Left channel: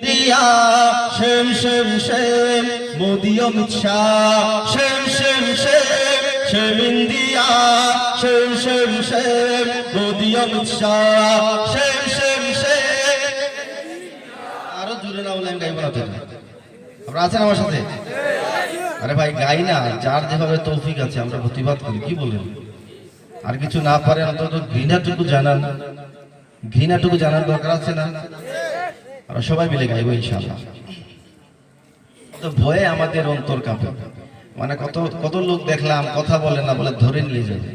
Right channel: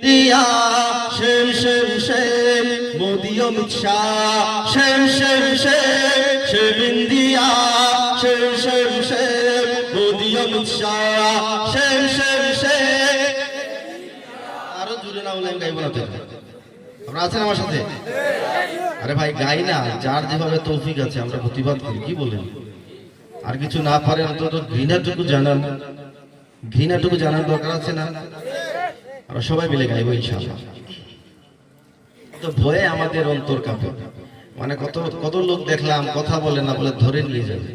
India, shame, shame, shame, Modi Amit Shah, shame, shame, shame, shame India, shame, shame, shame, Modi Amit Shah, shame, shame, shame. আরো জুড়ে না বলেন গাইব না তো আপনারা আছেন আমার সাথে? আরে ভাই গাই না, যার যেভাবে তৌফিক আছে আমরা প্রতিবাদ করি, কি বলেন? আর কিছু না পারে অন্তত ঘৃণাটুকু জানার দরকার আছে না? আমরা সবাই মিলে গাইবো ইনশাআল্লাহ। তো ভয়ে আমাদের অন্তর কাঁপে, মানে কত লোক দেখলাম কথা বলে না বলে ধরে নিয়ে যাবে।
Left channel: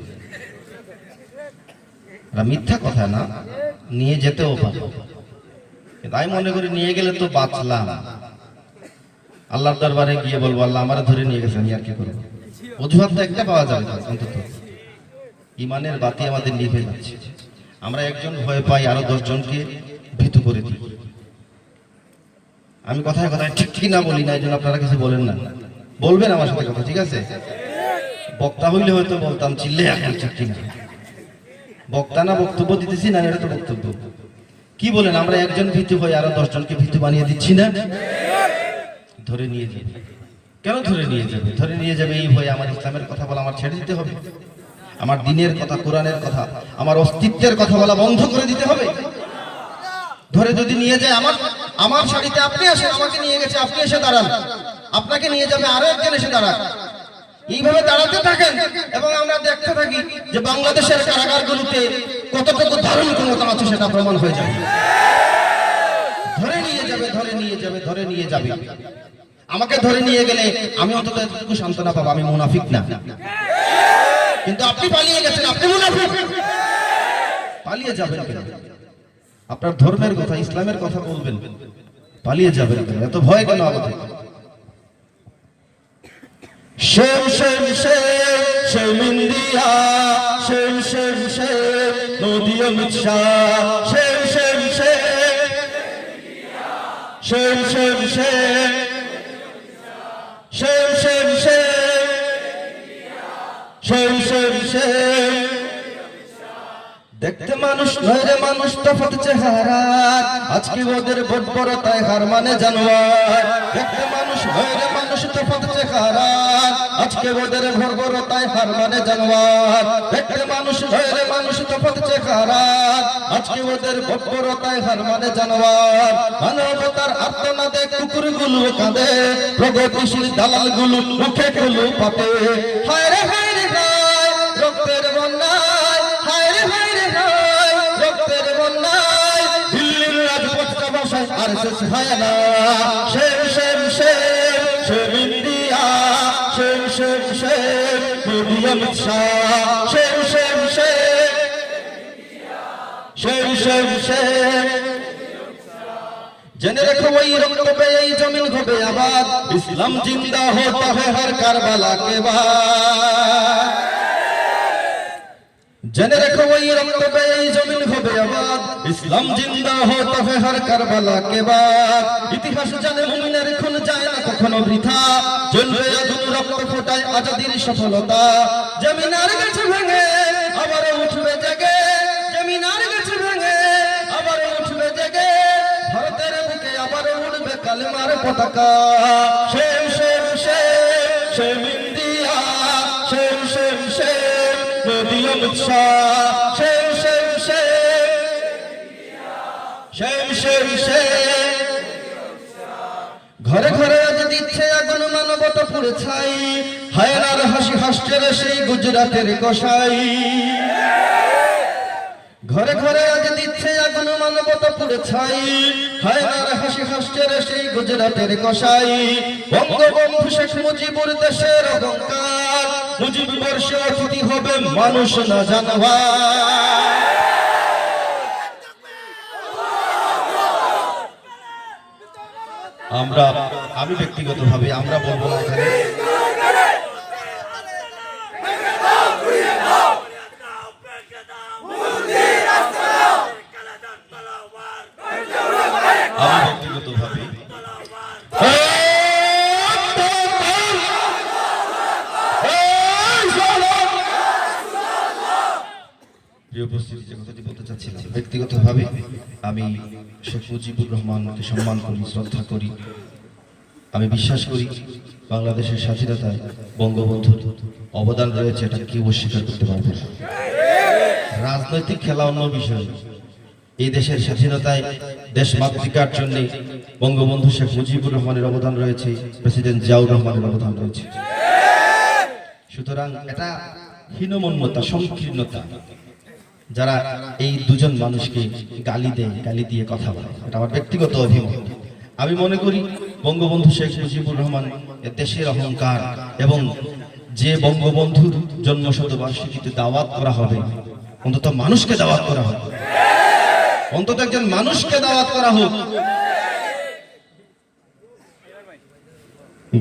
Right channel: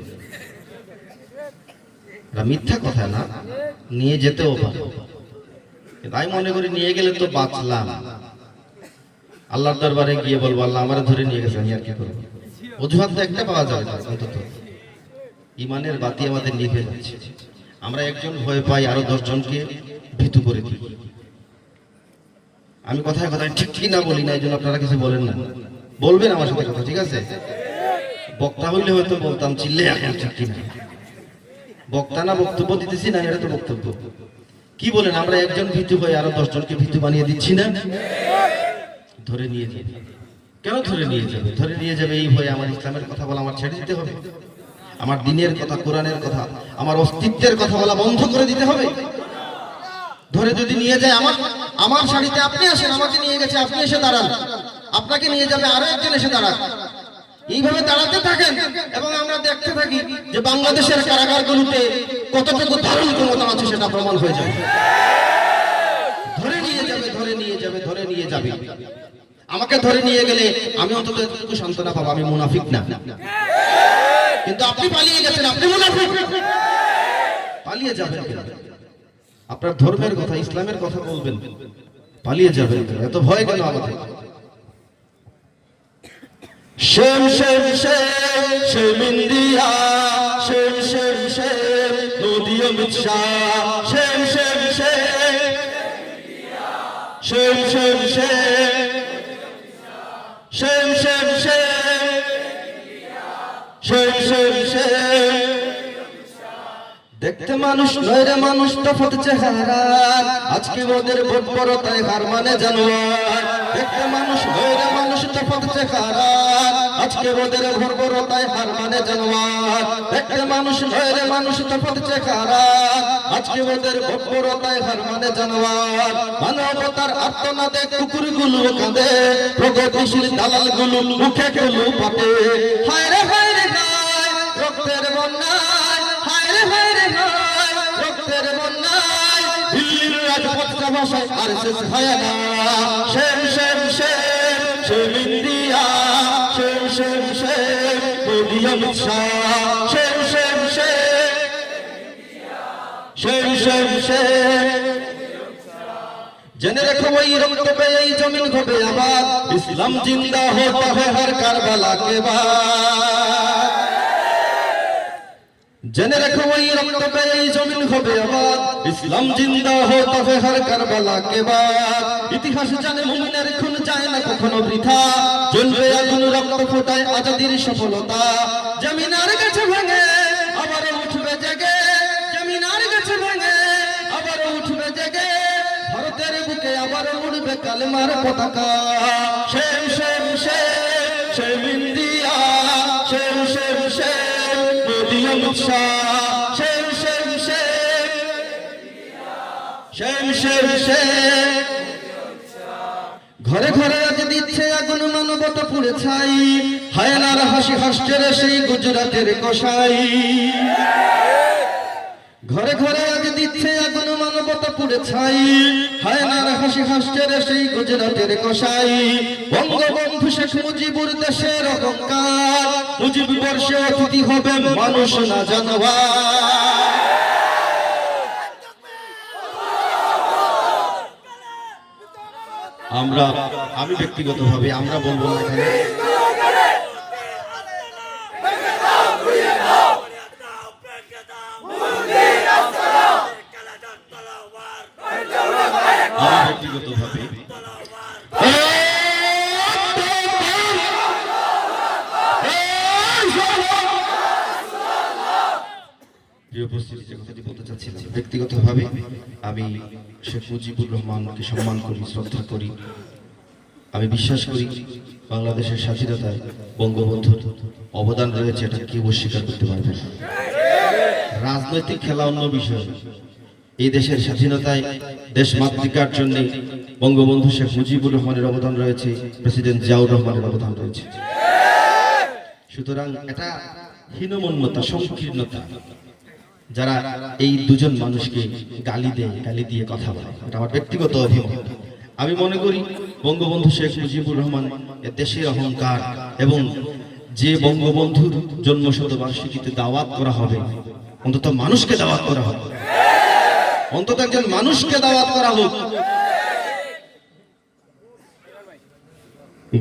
মিথ্যা কথা না, নিয়ে যেতেও পারে, কিন্তু আমি মনে করি নিয়ে গেলে তো বাঁচলাম। আল্লাহর দরবারে গিয়ে বলবো আল্লাহ আমার ধরে নিয়ে গেছেন, আর কি করে? অজুহাত তো একটা পাওয়া যাবে অন্তত। ইমানের বাতি আমাদের নিভে যাচ্ছে, আমরা একজন ভয় পাই আরো 10 জনকে ভীতু করে দিই। আমি কথায় কথায় ঠিক না বলি না, এই জন্য আপনারা কিছু বলেন না, বলবেন আমার সাথে কথা, ঠিক আছে? বক্তা হইলে হয়তো বলতাম চিল্লে, এখন ঠিক না বক্তা না, বক্তব্য দিতেছি না, এটা তো বক্তব্য। কি বলেন, আমরা একজন ভীতু হয়ে আরো 10 জনকে ভীতু বানিয়ে দিচ্ছি না? ধরে নিয়ে যাবে। কেন ধরে নিয়ে যাবে? ধরে নিয়ে যাবে এই ভয়ে আমার ইসলামের কথা বলা আমার ছেড়ে দিতে হবে, আমার দ্বীনের কথা, কোরআনের কথা, আমার অস্তিত্বের কথা বলা বন্ধ করে দিতে হবে। ধরে যদি নিয়ে যায়, আমার শাড়িতে আপনি আসেন, আমাকে নিয়ে গেছে, আপনি এসে দাঁড়ান, আপনাকে নিয়ে যাবে আরো একজন এসে দাঁড়ান, এইভাবে দাঁড়াতে থাকেন এবং আমরা দেখতে থাকি যে বাংলাদেশের কারাগারগুলোতে কতটুকু ধারণ ক্ষমতা আছে সেটা প্রমাণ হয়ে যাবে। ধরে নিয়ে যাবে, ধরে নিয়ে যাবে, ধরে নিয়ে যাবে। আমাকে ধরে নিয়ে গেলে আমি অন্তত এতটুকু সান্ত্বনা পাবো, আমি মুনাফিক না। কিন্তু আপনি পালিয়ে গেছেন, আপনি মুনাফিক। পালিয়ে যাবেন কেন? আপনার ধর্মের কথা, ইসলামের কথা বলবেন, পালিয়ে যাবেন কেন? এত ভয় কেন আমাদের? Shame, shame, shame, shame India, shame, shame, shame, Modi Amit Shah, shame, shame, shame, shame, shame, shame, shame, shame, shame, shame, shame. দেখতে মানুষ নয় রে মানুষ, তফাৎ চেহারা, আজকে ওদের ভোট বড়তায় হার মানে জানোয়ার। দেখতে মানুষ নয় রে মানুষ, তফাৎ চেহারা, আজকে ওদের ভোট বড়তায় হার মানে জানোয়ার। দেখতে মানুষ নয় রে মানুষ, তফাৎ চেহারা, আজকে ওদের ভোট বড়তায় হার মানে জানোয়ার। মানবতার আত্মনাদে কুকুরগুলো কাঁদে, প্রগতিশীল দালালগুলো মুখে খেলু পাতে। হায় রে হায় রে হায়, রক্তের বন্যায়, হায় রে হায় রে হায়, রক্তের বন্যায়, দিল্লির রাজপথটা ভাষায় আর শেষ হয় না। Shame shame shame, shame India, shame shame shame, Modi Amit Shah, shame shame shame, shame shame shame. জেনে রেখো ওই রক্ত पे এই জমিন হবে আবাদ, ইসলাম জিন্দা होता है हर কারবালা के बाद। জেনে রেখো ওই রক্ত पे এই জমিন হবে আবাদ, ইসলাম জিন্দা होता है हर কারবালা के बाद। ইতিহাস জানে মুমিনের খুন যায় না কখনো বৃথা, জ্বলবে আগুন রক্ত ফোটায় আজাদির সফলতা। জমিনার গাছে ভেঙে আবার উঠবে জেগে, জমিনার গাছে ভেঙে আবার উঠবে জেগে, ভারতের বুকে আবার উড়বে কালেমার পতাকা। Shame shame shame, shame India, shame shame shame, Modi Amit Shah, shame shame shame, shame shame shame. ঘরে ঘরে আজ দিচ্ছে আগুন মানবতা পুড়ে ছাই, হায়নার হাসি হাসছে রে সেই গুজরাটের কসাই। ঘরে ঘরে আজ দিচ্ছে আগুন মানবতা পুড়ে ছাই, হায়নার হাসি হাসছে রে সেই গুজরাটের কসাই। বঙ্গবন্ধু শেখ মুজিবুর দেশের অহংকার, মুজিব বর্ষে অতিথি হবে মানুষ না জানোয়ার। আমি ব্যক্তিগতভাবে আমরা বলবো না এখানে, ব্যক্তিগতভাবে প্রিয় উপস্থিতি, যে কথাটি বলতে চাচ্ছিলাম, ব্যক্তিগতভাবে আমি শেখ মুজিবুর রহমানকে সম্মান করি, শ্রদ্ধা করি। আমি বিশ্বাস করি বাংলাদেশের স্বাধীনতায় বঙ্গবন্ধুর অবদান রয়েছে, এটা কেউ অস্বীকার করতে পারবে না। রাজনৈতিক খেলা অন্য বিষয়, এই দেশের স্বাধীনতায় দেশমাতৃকার জন্য বঙ্গবন্ধু শেখ মুজিবুর রহমানের অবদান রয়েছে, প্রেসিডেন্ট জিয়াউর রহমানের অবদান রয়েছে। সুতরাং এটা হীনমন্যতা, সংকীর্ণতা, যারা এই দুজন মানুষকে গালি দেয়, গালি দিয়ে কথা বলে, এটা আমার ব্যক্তিগত অভিমত। আমি মনে করি বঙ্গবন্ধু শেখ মুজিবুর রহমান এ দেশের অহংকার, এবং যে বঙ্গবন্ধুর জন্ম শতবার্ষিকীতে দাওয়াত করা হবে, অন্তত মানুষকে দাওয়াত করা হবে, অন্তত একজন মানুষকে দাওয়াত করা হোক।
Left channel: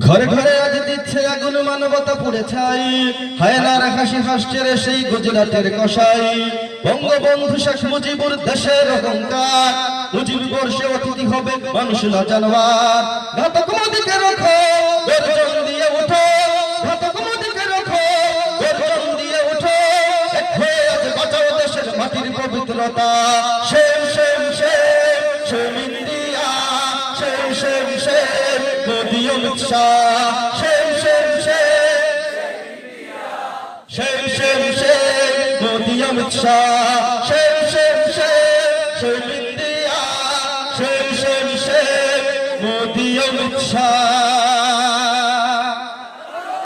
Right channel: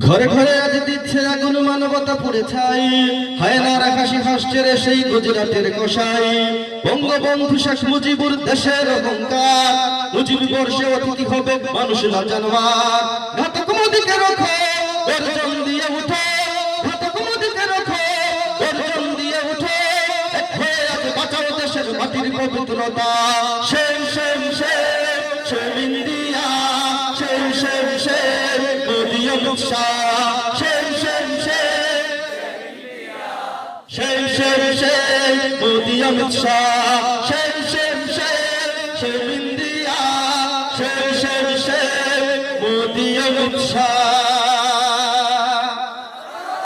ঘরে ঘরে আজ দিচ্ছে আগুন, মানবতা পুড়ে ছাই, হায়নার হাসি হাসছে রে সেই গুজরাটের কষাই। বঙ্গবন্ধু শেখ মুজিবুর দেশের অহংকার, মুজিব বর্ষে অতিথি হবে মানুষ না জানোয়ার। ঘাতক মোদিকে রাখো, গর্জন দিয়ে উঠো, ঘাতক মোদিকে রাখো, গর্জন দিয়ে উঠো। এক হয়ে আজ বাঁচাও দেশের মাটির পবিত্রতা। Shame shame shame shame India, shame shame shame Modi Amit Shah, shame shame shame shame shame shame Modi Amit Shah, shame